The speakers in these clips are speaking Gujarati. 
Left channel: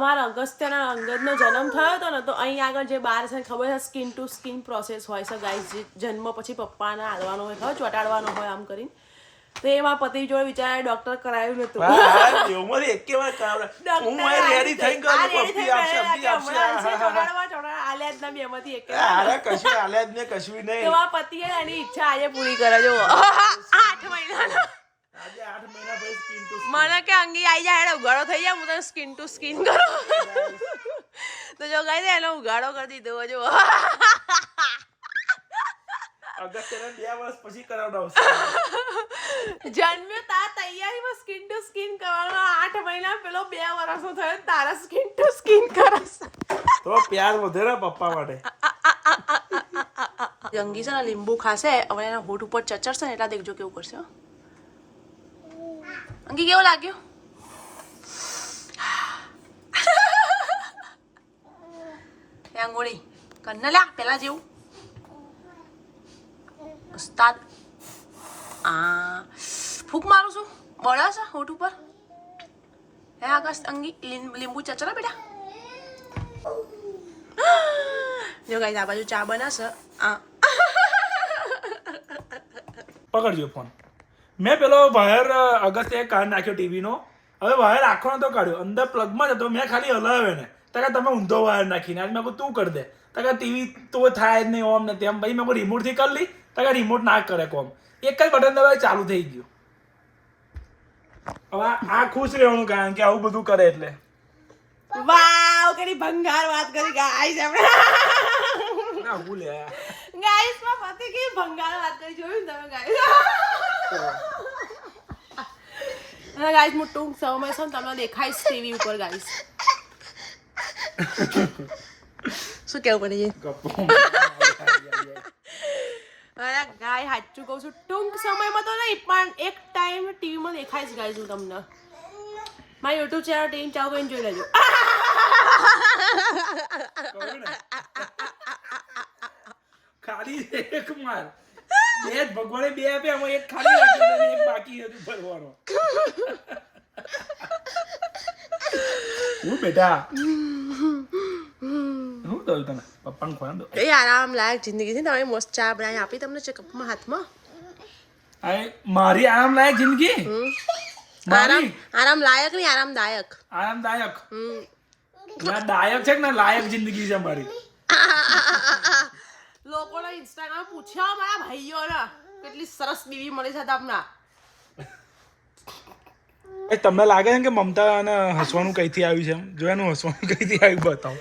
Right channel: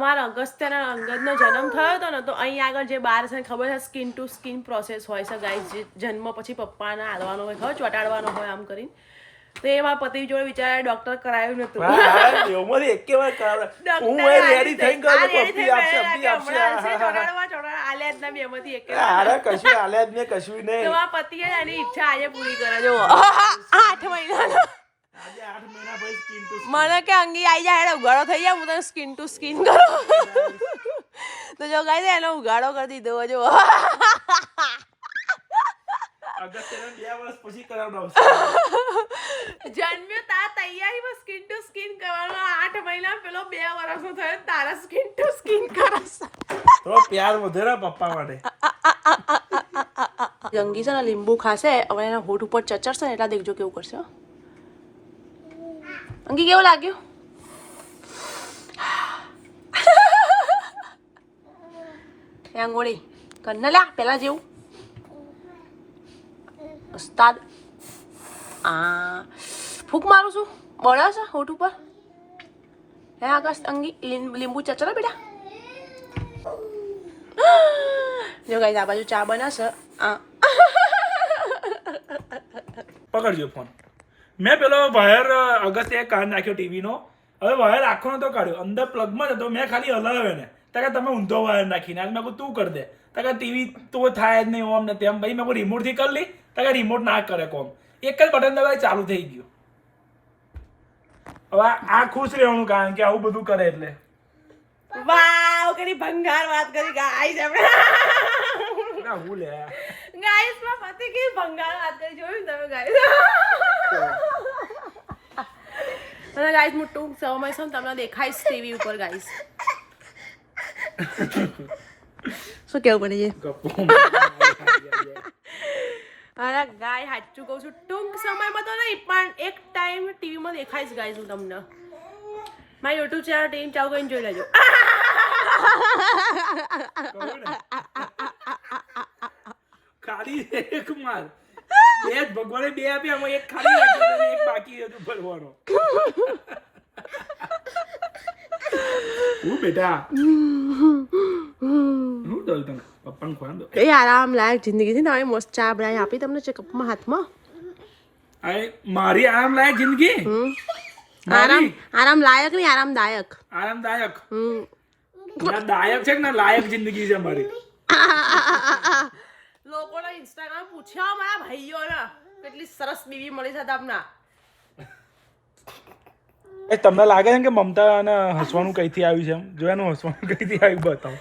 અમારા અગસ્ત્યના અંગદનો જન્મ થયો હતો ને તો અહીં આગળ જે બાર છે ખબર છે સ્કિન ટુ સ્કિન પ્રોસેસ હોય છે ગાઈસ, જે જન્મ પછી પપ્પાને હાલવાનો હોય ખબર ચોટાડવાનો હોય આમ કરીને, તો એમાં પતિ જોડે વિચારે ડોક્ટર કરાયું નતું. પતિએ એની ઈચ્છા આજે પૂરી કરે. જો 8 મહિના મને કે અંગી આવી જાય ઉગાડો થઈ જાય, હું તને સ્કિન ટુ સ્કિન કરું. તો જો ગાઈ દે એનો ઉગાડો કરી દીધો. જો જન્મ્યો તા તૈયારીમાં સ્કિન ટુ સ્કિન કરવાનો, 8 મહિના પેલો 2 વર્ષનો થયો તારા સ્કિન ટુ સ્કિન કરસ તો પ્યાર વધે ને પપ્પા માટે. જંગી છે ને લીંબુ ખાશે હવે એના હોઠ ઉપર ચચરશે ને એટલા દેખજો કેવું કરશે. અંગી કેવું લાગ્યું? આંગોળી કન્ન લ્યા પેલા જેવું ઉસ્તાદ. ફૂક મારું છું બળે છે હોઠ ઉપર. હે આગળ અંગી લીંબુ ચચરા બેટા. જો ગાઈસ આ બાજુ ચા બનાવશે. પકડજો ફોન. મેં પેલો વાયર અગસ્ત્ય કાઢ નાખ્યો ટીવીનો. હવે વાયર આખો નતો કાઢ્યો, અંદર પ્લગમાં હતો. મેં ખાલી હલાવ્યો ને તકા તમે ઊંધો વાયર નાખીને મેં કહું તું કરી દે. તકા ટીવી તો થાય જ નહીં ઓમ ને તેમ. ભાઈ મેં કહું રિમોટથી કરી લી. તકા રિમોટ ના કરે કોમ. એક જ બટન દબાવી ચાલુ થઈ ગયું. હવે આ ખુશ રહેવાનું કારણ કે આવું બધું કરે એટલે. વાવ કેટલી ભંગાર વાત કરી ગાઈસ. આપણે ના હું લે ગાઈસ માં પતિ કે ભંગાર વાત કરી જોયું તમે ગાઈસ. અને ગાઈસ હું ટૂંક સમયમાં છું તમને દેખાઈશ ટીવી ઉપર ગાઈસ. શું કેવું પડી અરે ગાય સાચું કહું છું ટૂંક સમયમાં તો નહીં પણ એક ટાઈમ ટીવીમાં દેખાઈશ ગાઈસ હું તમને. મારી યુટ્યુબ ચેનલ ટીમ ચાલુ કરીને જોઈ લેજો. ખાલી એક માર બે ભગવાને 2 આપ્યા, આમાં એક ખાલી રાખ્યો અને એક બાકી હતું ભરવાનો. હું બેટા હું દઉં તને પપ્પાને ખોવા દો. એ આરામ લાયક જિંદગી છે ને મસ્ત ચા બનાવી આપી તમને છે કપમાં હાથમાં. મારી આરામ લાયક જિંદગી મારી આરામ લાયક નહીં આરામદાયક. આરામદાયક ના દાયક છે કે ના લાયક જિંદગી છે મારી. લોકોને ઇન્સ્ટાગ્રામ પૂછ્યા મારા ભાઈઓને કેટલી સરસ બીવી મળી છે તમને. તમને લાગે છે કે મમતા અને હસવાનું કઈથી આવ્યું છે? એમ જોવાનું હસવાનું કઈથી આવ્યું બતાવો.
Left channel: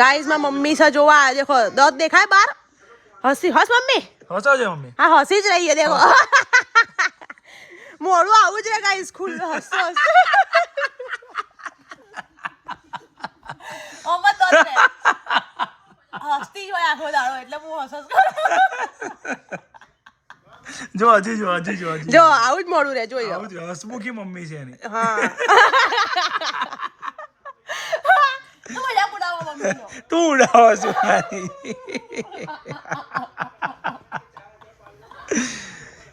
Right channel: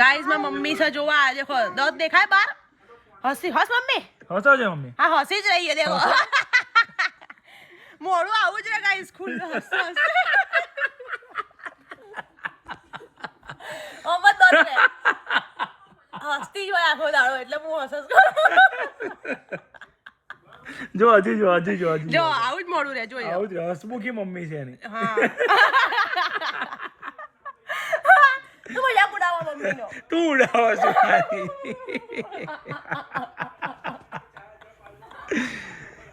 ગાઈસ માં મમ્મી છે જોવા દેખો દોત દેખાય બાર. હસી હસ મમ્મી હસો છે મમ્મી. હા હસી જ રહી છે દેખો. મોડું આવું જ રે ગાઈસ ખુલ્લું હસતો હસતી જ હોય આખો દાડો એટલે હું હસસ કરું. જો હજી જો આવું જ મોડું રે જોઈ આવું જ હસમુખી મમ્મી છે એની. તું મજાક ઉડાવો મમ્મીનો. તું ઉડાવો છો.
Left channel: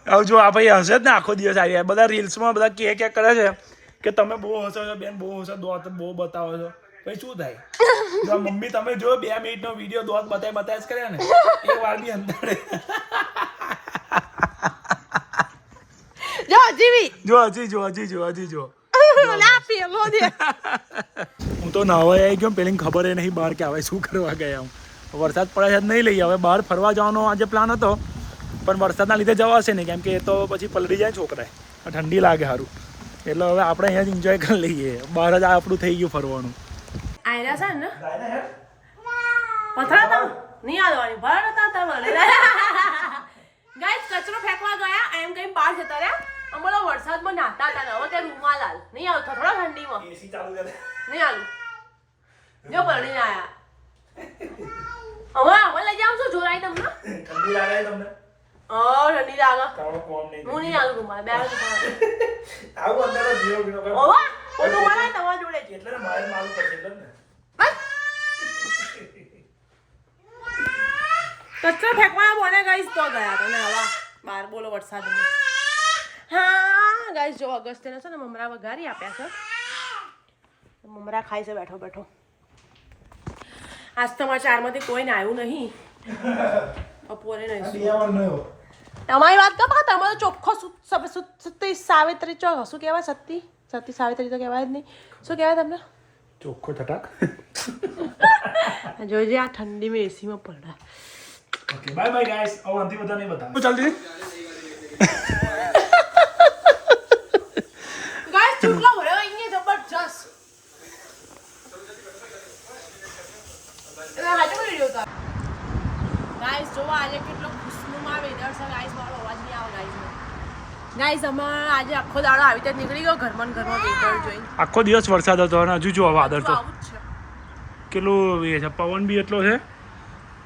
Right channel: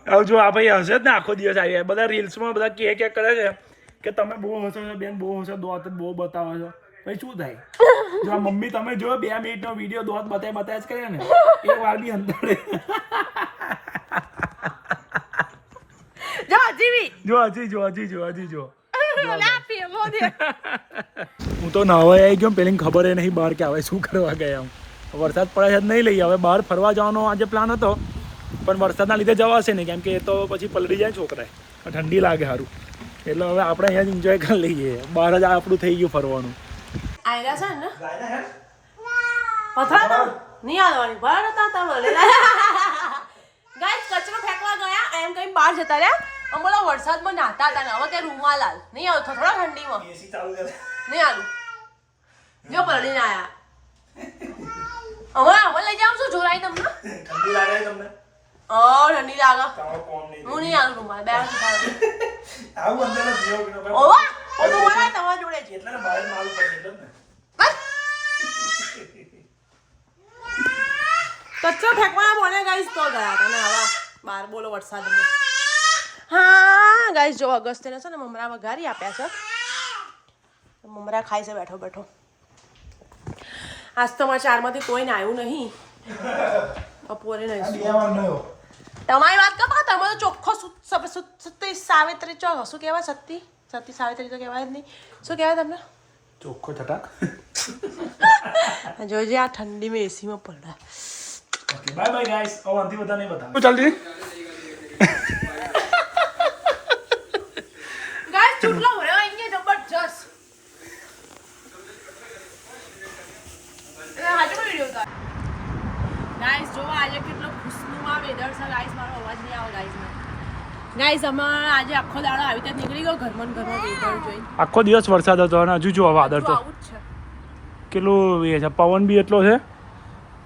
હવે જો આ ભાઈ હશે જ ને આખો દિવસ આવી બધા રીલ્સમાં બધા કે કરે છે કે તમે બહુ હસો છો બેન, બહુ હસો દોત બહુ બતાવો છો. પછી શું થાય? જો મમ્મી તમે જો 2 મિનિટનો વિડીયો દોત બતાય જ કર્યા ને એક વાર ની અંદર જો હું તો નાવા આવી ગયો. પેલી ખબર નહીં બહાર કે હવે શું કરવા ગયા. હું વરસાદ પડે છે નહીં લઈ હવે બહાર ફરવા જવાનો આજે પ્લાન હતો પણ વરસાદના લીધે જવાશે નહીં કેમ કે એ તો પછી પલળી જાય છોકરા. ઠંડી લાગે સારું એટલે હવે આપણે અહીંયા જ એન્જોય કરી લઈએ. બહાર જ આપણું થઈ ગયું ફરવાનું. આયલા છે ને પથરા તો નહીં આવવાની ભર હતા તમે. ગાઈસ કચરો ફેંકવા ગયા એમ કઈ બહાર જતા રહ્યા. અમારો વરસાદમાં નાતા હતા ને હવે કે રૂમાલ હાલ નહીં આવતો થોડા ઠંડીમાં નહીં હાલું. જો પલળીને આયા અમે લઈ જાવ છું જોરાઈ તમને. ઠંડી લાગે તમને? ઠંડી લાગે હું નહીં હાલું રૂમાલ બે આવું અંદર ઓવા રૂમાલ તમારા જોડે છે એટલે બહાર મારું પડશે એટલે ને. કચરો ફેંકવાના બોલે ગાઈસ તો ગયા હતા ને હવા બહાર બોલો વરસાદમાં. હા ગાઈસ જો અગસ્ત્યને છે ને મમરા વઘારી આપ્યા છે મમરા ખાય છે બેઠો બેઠો. આજ તો મારા ચારમાંથી કોઈને આવ્યું નહીં. બપોરે નહીં. તમારી વાત કરો તમે તો ચોખ્ખો સતી સાવિત્રી ચો શું કહેવાય? સતી સાવિત્રી તો કહેવાય જ નહીં. શું કહેવાય તમને? ચોખ્ખો છટાક. જોજે આ ઠંડીમાં એસીમાં પડે. Okay bye bye guys. હવે આનાથી બધા નહીં બતાવો. ચાલજી ગાઈસ ચૂટલો ભર્યો અહીંયા જબરજસ્ત. ગાઈસ જો આજે કેટલો ખુશનુમા વેધર છે ગાઈસ. મારો અવાજ નહીં આવે ગાઈસ. અમે આજે આખો દાડો આવી રીતે નીકળી ગયો ઘરમાં વેધર જોઈને. આખો દિવસ વરસાદ હતો અને હજુ જો વાદળ તો આવું જ છે. કેટલું એ છે, પવન બી એટલો છે.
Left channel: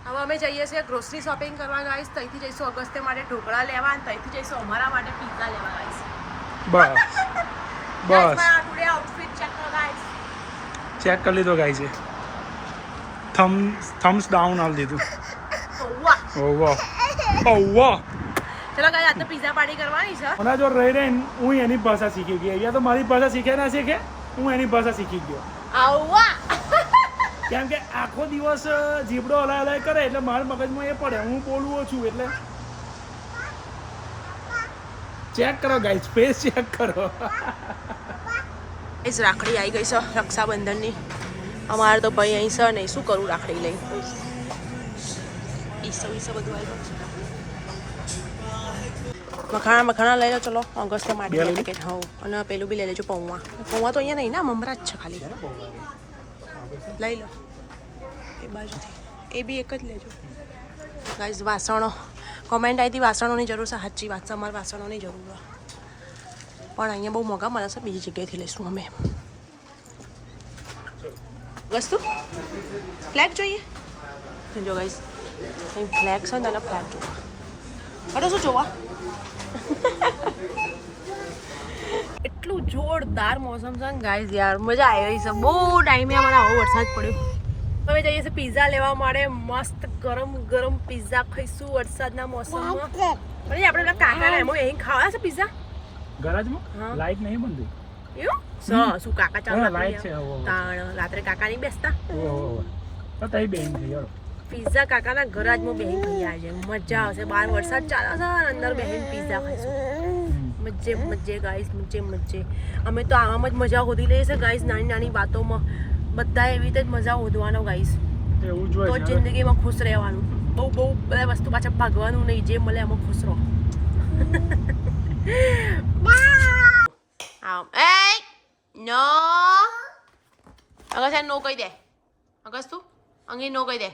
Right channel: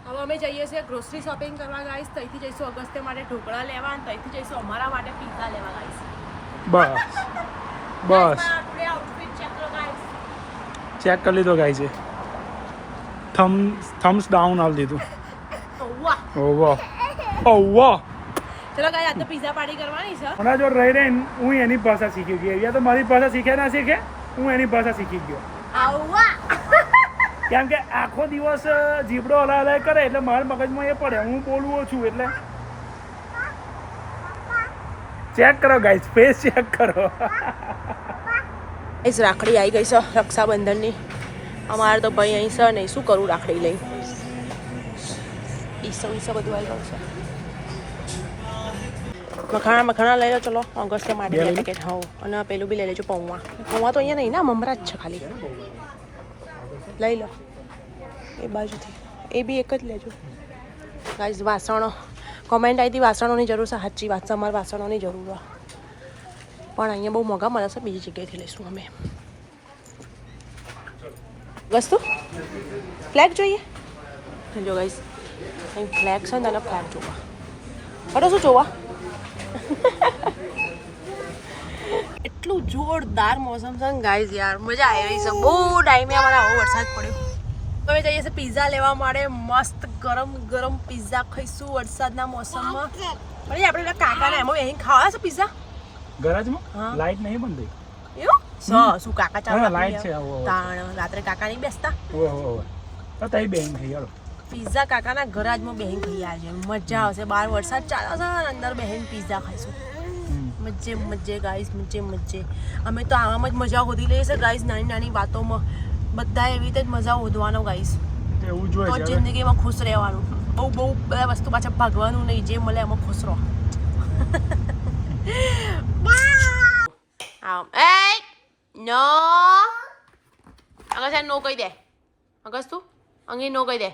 હવે અમે જઈએ છીએ ગ્રોસરી શોપિંગ કરવા ગાઈસ. ત્યાંથી જઈશું અગસ્ત્ય માટે ઢોકળા લેવા અને ત્યાંથી જઈશું અમારા માટે પીઝા લેવા ગાઈસ. બસ બસ ટુડે આઉટફિટ ચેક કરો ગાઈસ. ચેક કરી લીધો ગાઈ છે. થમ્સ ડાઉન આવી દીધું. વાહ ઓહો ઓહો. ચલો ગાઈસ આજે પીઝા પાર્ટી કરવાની છે. મને જો રહી રહીને હું એની ભાષા શીખી ગયો. યા તો મારી ભાષા શીખે ના શીખે, હું એની ભાષા શીખી ગયો. વાહ કેમ કે આખો દિવસ જીબડો હલાય હલાય કરે એટલે મારા મગજમાં એ પડે. હું બોલું છું એટલે ચેક કરો ગાઈસ, ફેસ ચેક કરો. ગાઈસ રાખડી આવી ગઈ છે રક્ષાબંધનની. અમારે તો ભાઈ અહીં છે નહીં, શું કરું રાખડી લઈ. ઈસો બધું આવી ગયું છે. મખાણા લઈ લો. ચલો અગસ્ત્ય માટે પેકેટ. હા અને પેલું બી લઈ લેજો પૌવા. પૌવા તો અહીંયા નહીં ના, મમરા જ છે ખાલી. લઈ લો એ બાજુથી. એ બી એક જ લેજો ગાઈસ. વાસણો કોમેન્ટ આવી હતી વાસણોની જરૂર છે. સાચી વાત છે, અમારે વાસણોની જરૂર છે પણ અહીંયા બહુ મોંઘા મળે છે. બીજી જગ્યાએથી લઈશું અમે. વસ્તુ ફ્લેગ જોઈએ જો ગાઈસ. ફ્લેગ છે ને ફ્લેગ જોવા. અરે શું જોવા? એટલું જોરદાર મોસમ છે ને ગાઈસ. યાર મજા આવી રહી છે. બહુ ટાઈમે અમારે આવો વરસાદ પડ્યો. અમે જઈએ છીએ પીઝા લેવા માટે. મસ્ત ગરમ ગરમ પીઝા ખાઈશું વરસાદના મોસમમાં. અરે આપણે પેલા કાકાને એમાં અહીં ખાવા છે પીઝા ગરાજમાં લાઈટ નહીં બનતી એવું શું કાકા ચાલુ લાઈટ છે. રાત્રે કાકા નહીં બેસતા. તઈ બેન થઈ ગયો પીઝા કાકાના ગરાજમાં બેહીને ખાઈ આજે મજા આવશે. બહાર વરસાદ ચાલે છે અંદર બેહીને પીઝા ખાઈશું. મજે ગાઈસ મજે. અમે તો આવામાં જ મજા શોધી લઈએ છીએ ગાઈસ. નાની નાની વાતોમાં બધા એવી રીતે જ મજા શોધવાનો ગાઈસ. એવું તો જોઈએ જિંદગીમાં ખુશ રહેવાનું. બહુ બધા વસ્તુ પાછા ભાગવાનું નહીં. જે મળે એમાં ખુશ રહો. નો અગસ્ત નો કહી દે. અગસ્ત તું અંગે નો કહી દે.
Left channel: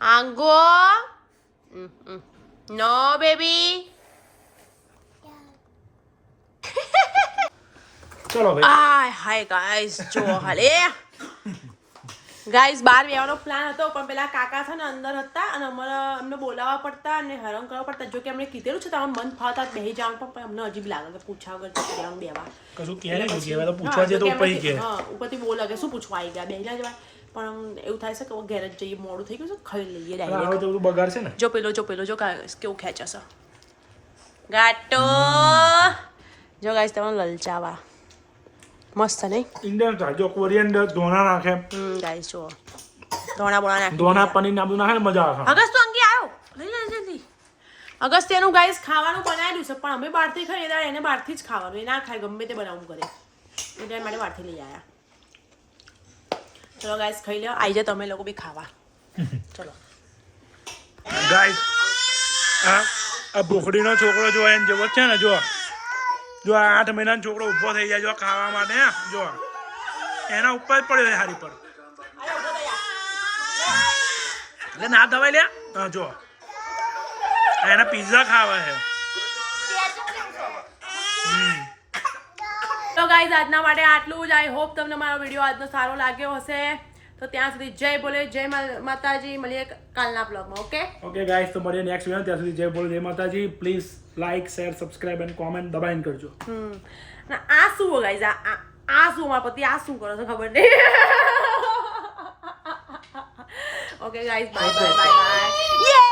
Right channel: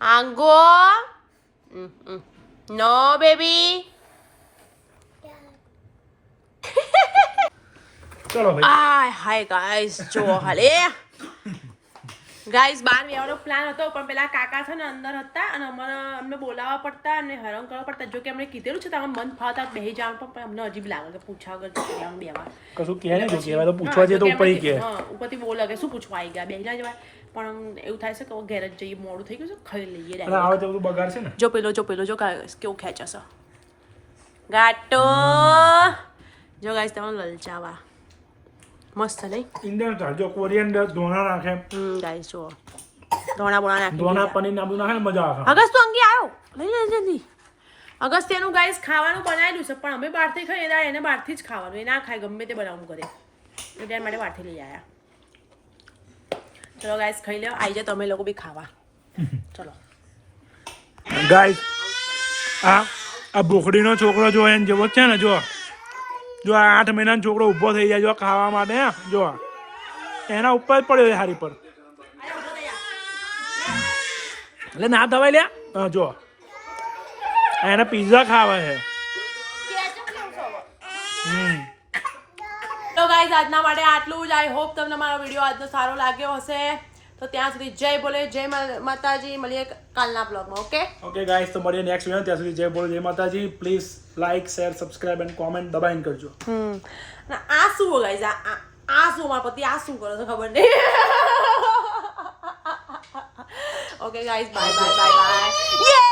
આંગો નો બેબી. ચલો ભાઈ. હાય ગાઈસ જો હાલે ગાઈસ. બહાર બેવાનો પ્લાન હતો પણ પેલા કાકા છે ને અંદર હતા અને અમને બોલાવવા પડતા અને હેરાન કરવા પડતા. જો કે અમને કીધેલું છે તમે મન ફાવતા બેહી જાવ પણ અમને અજીબ લાગે કે પૂછા વગર જવાનું બેવા. કશું કહે નહીં કહેવાય તો પૂછવા જઈએ તો ઉપરથી કહે. હા ઉપરથી બહુ લાગે શું પૂછવા આવી ગયા બેહી ના જવાય. પણ એવું થાય છે કે ઘેર જ જઈએ મોડું થઈ ગયું છે ખાઈ લઈએ ડાયરેક્ટ. આવે તો બધું બગાડ છે ને. જો પેલો કેવું ખેંચે છે ગાટો. જો ગાઈસ તમને લલચાવા મસ્ત નહીં. ઇન્ડિયન જો કોરિયન્ડર ધોણા નાખે. ગાઈસ જો ધોણા બોણા નાખી. ધોણા પનીર નાખું નાખે ને મજા આવે. અગસ્ત તો અંગે આવ્યો લઈ લે જલ્દી. અગસ્ત્યનું ગાઈસ ખાવાનું બનાવેલું છે પણ અમે બહારથી ખાઈએ એને બહારથી જ ખાવાનું. એ ના ખાય ગમે તે બનાવવું કરે એટલે માટે બહારથી લઈ આવ્યા. ચલો ગાઈસ ખાઈ લો. આવી જાઓ તમે લોકો બી ખાવા. ચલો ગાઈસ આ ભોખડીનો છોકરો જો એને જેવો છે ને જો આ 8 મહિનાનો છોકરો ઊભો થઈ જાય જો ખાવા માટે. જો એના ઉપર જ પડ્યો હારી પર એટલે ના થવાય લ્યા. જો એને પિઝા ખાવા છે. તો ગાઈઝ આજના માટે આટલું જ. આઈ હોપ તમને મારો વિડીયો આજનો સારો લાગ્યો હશે. તો ત્યાં સુધી જય બોલે જય માતાજી. મળીએ કાલના બ્લોગમાં. ઓકે ગાઈસ તો મળીએ નેક્સ્ટ વિડિયો. ત્યાં સુધી જય બોલે જય માતાજી. Please like share subscribe and comment દબાઈને કરજો. આ શું ગાઈઝ આ શું મારા પતિ આ શું કરો છો ખબર નહીં. Okay guys bye bye bye bye. યે